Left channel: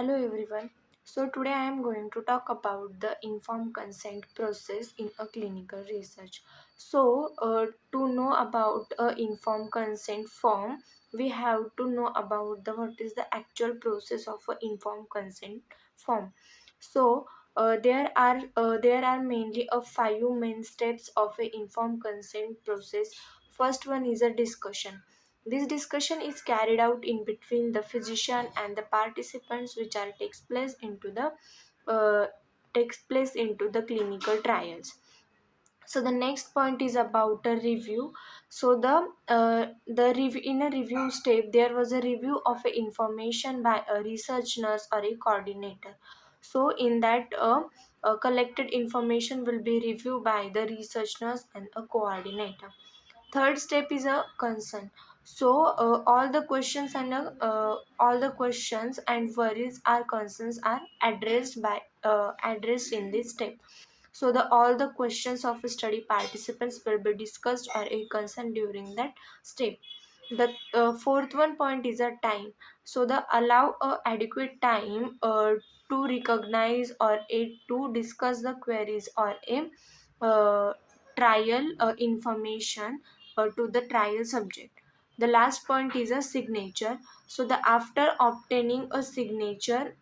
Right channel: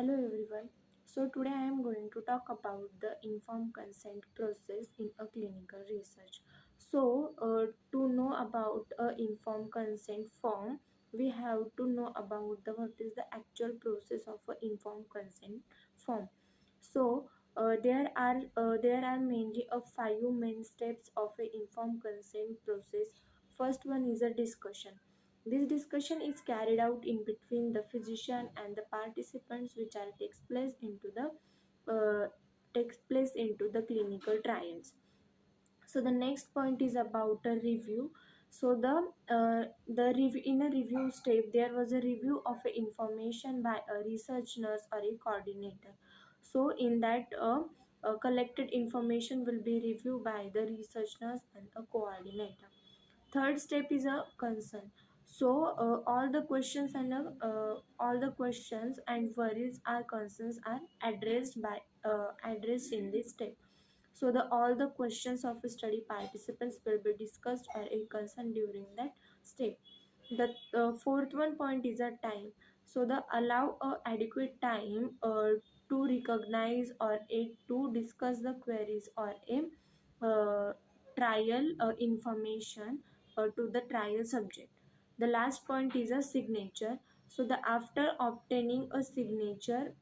Hello everyone. So today I am going to talk about the informed consent process in a clinical research. To know about a informed consent form, we have to know about the what is the actual process of a informed consent form. There are mainly a five main steps of a informed consent process. First one is a discussion. This discussion is carried out in between the physician and the participants, which are uh, takes place into the clinical trials. So the next point is about a review. In a review step, there was a review of a information by a research nurse or a coordinator. So in that collected information will be reviewed by the research nurse and a coordinator. Third step is a concern. All the questions and worries or concerns are addressed in this step. So the all the questions of study participants will be discussed or a concern during that step. The fourth one point is a time. So the allow a adequate time to recognize or a to discuss the queries or a uh, trial information to the trial subject. The last point is a signature. So the after obtaining a signature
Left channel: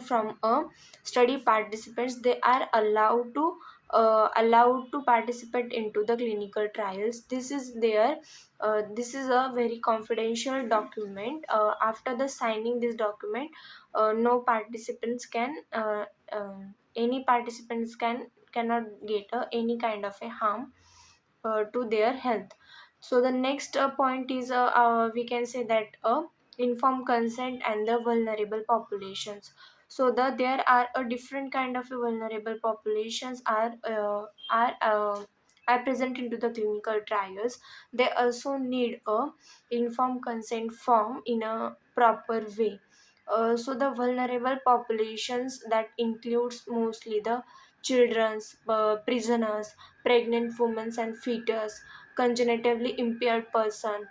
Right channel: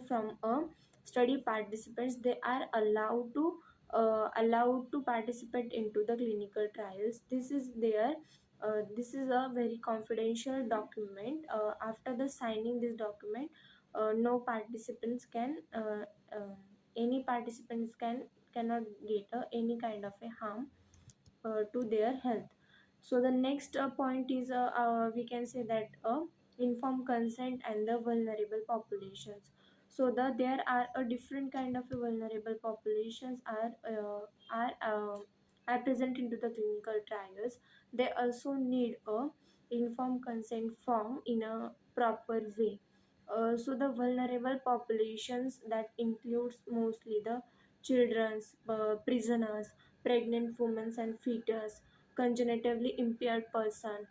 from a study participants, they are allowed to participate into the clinical trials. This is a very confidential document. After the signing this document, no participants can any participants cannot get any kind of a harm to their health. So the next point is we can say that informed consent and the vulnerable populations. So there are a different kind of vulnerable populations are present into the clinical trials. They also need a informed consent form in a proper way. So the vulnerable populations that includes mostly the children's, prisoners, pregnant women and fetus, congenitively impaired person,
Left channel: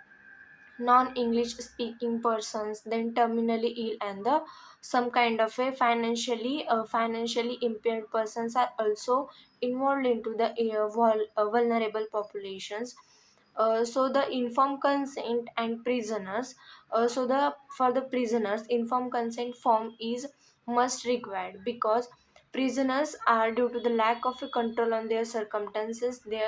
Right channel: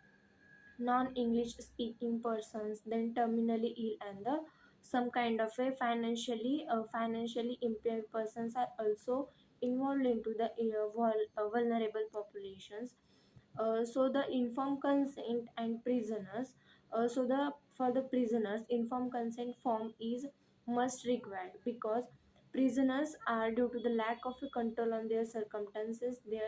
non-English speaking persons, then terminally ill, and the some kind of a financially impaired persons are also involved into the vulnerable populations. So the informed consent and prisoners. So the for the prisoners, informed consent form is must required because prisoners are, due to the lack of a control on their circumstances, they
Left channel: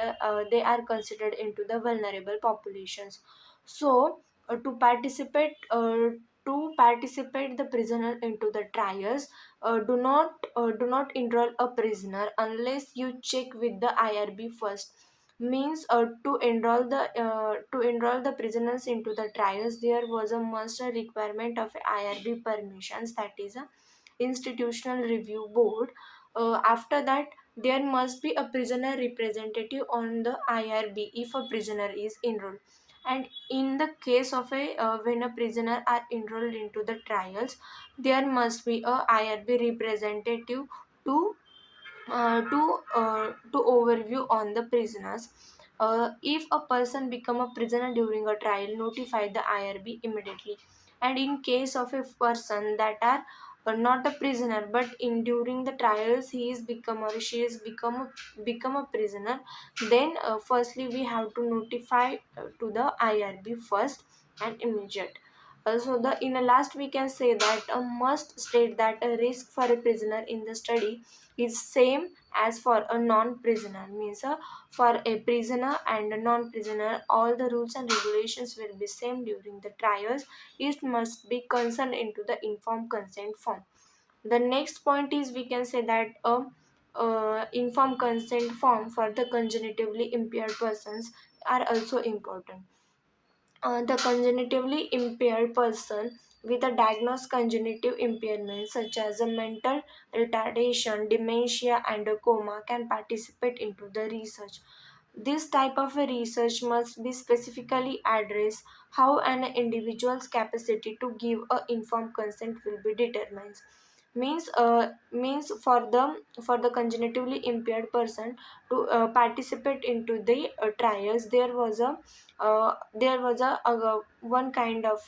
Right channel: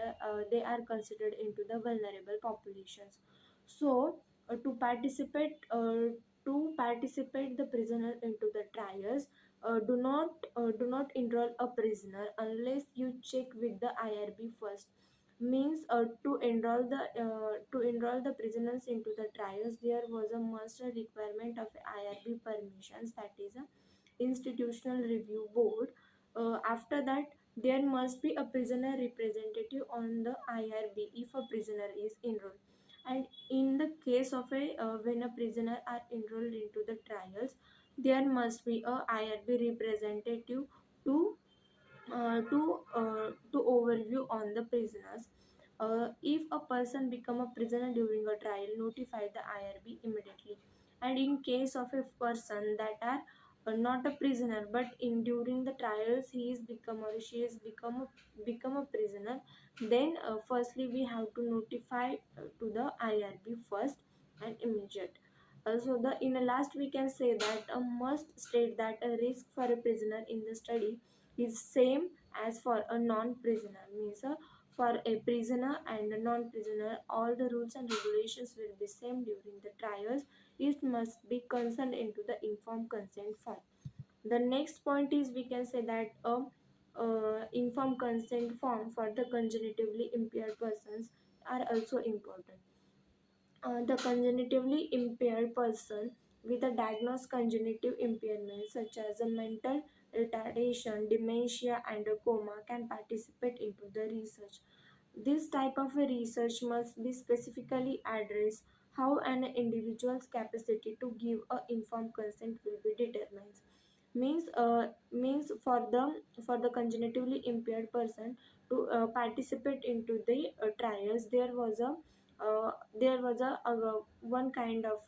are considered into the vulnerable populations. So to participate the prisoner into the trials, do not enroll a prisoner unless you check with the IRB first. Means to enroll the prisoners into the trials, there was a must requirement of IRB permissions, that is a institutional review board. After that, there must be a prisoner representative on the IRB if a prisoner is enrolled. And in the case of a when a prisoner are enrolled into the trials, there must be a IRB representative to to overview on the prisoners. If a person become a prisoner during a trial, notify the IRB immediately. And in case of a person that are not a prisoner, but in during the trials he is become or she is become a prisoner, then firstly we have to notify to the IRB first and immediate. So the in the last we can say that a must state that a risk for a prisoner in the study is same as for a non-prisoner. Means for a prisoner and a non-prisoner, all the rules and regulations will be same during the trials. It must be concerned into the informed consent form. The next point is we can say that informed consent form for the congenitively impaired persons are also important. The congenitively impaired person with a diagnosed congenitive impairment such as a mental retardation, dementia, and a coma can participate into the research. This type of a research must be specifically address how an individual's capacity to give a informed consent will be determined. Means for the cognitively impaired person to participate into the trials, there was a one kind of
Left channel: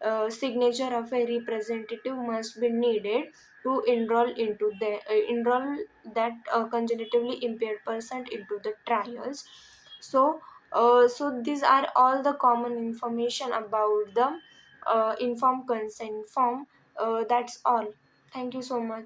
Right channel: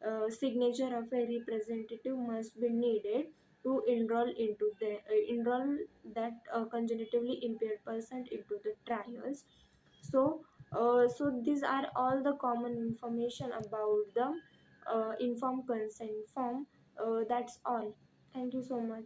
a signature of a representative must be needed to enroll that cognitively impaired person into the trials. So these are all the common information about the informed consent form. That's all. Thank you so much.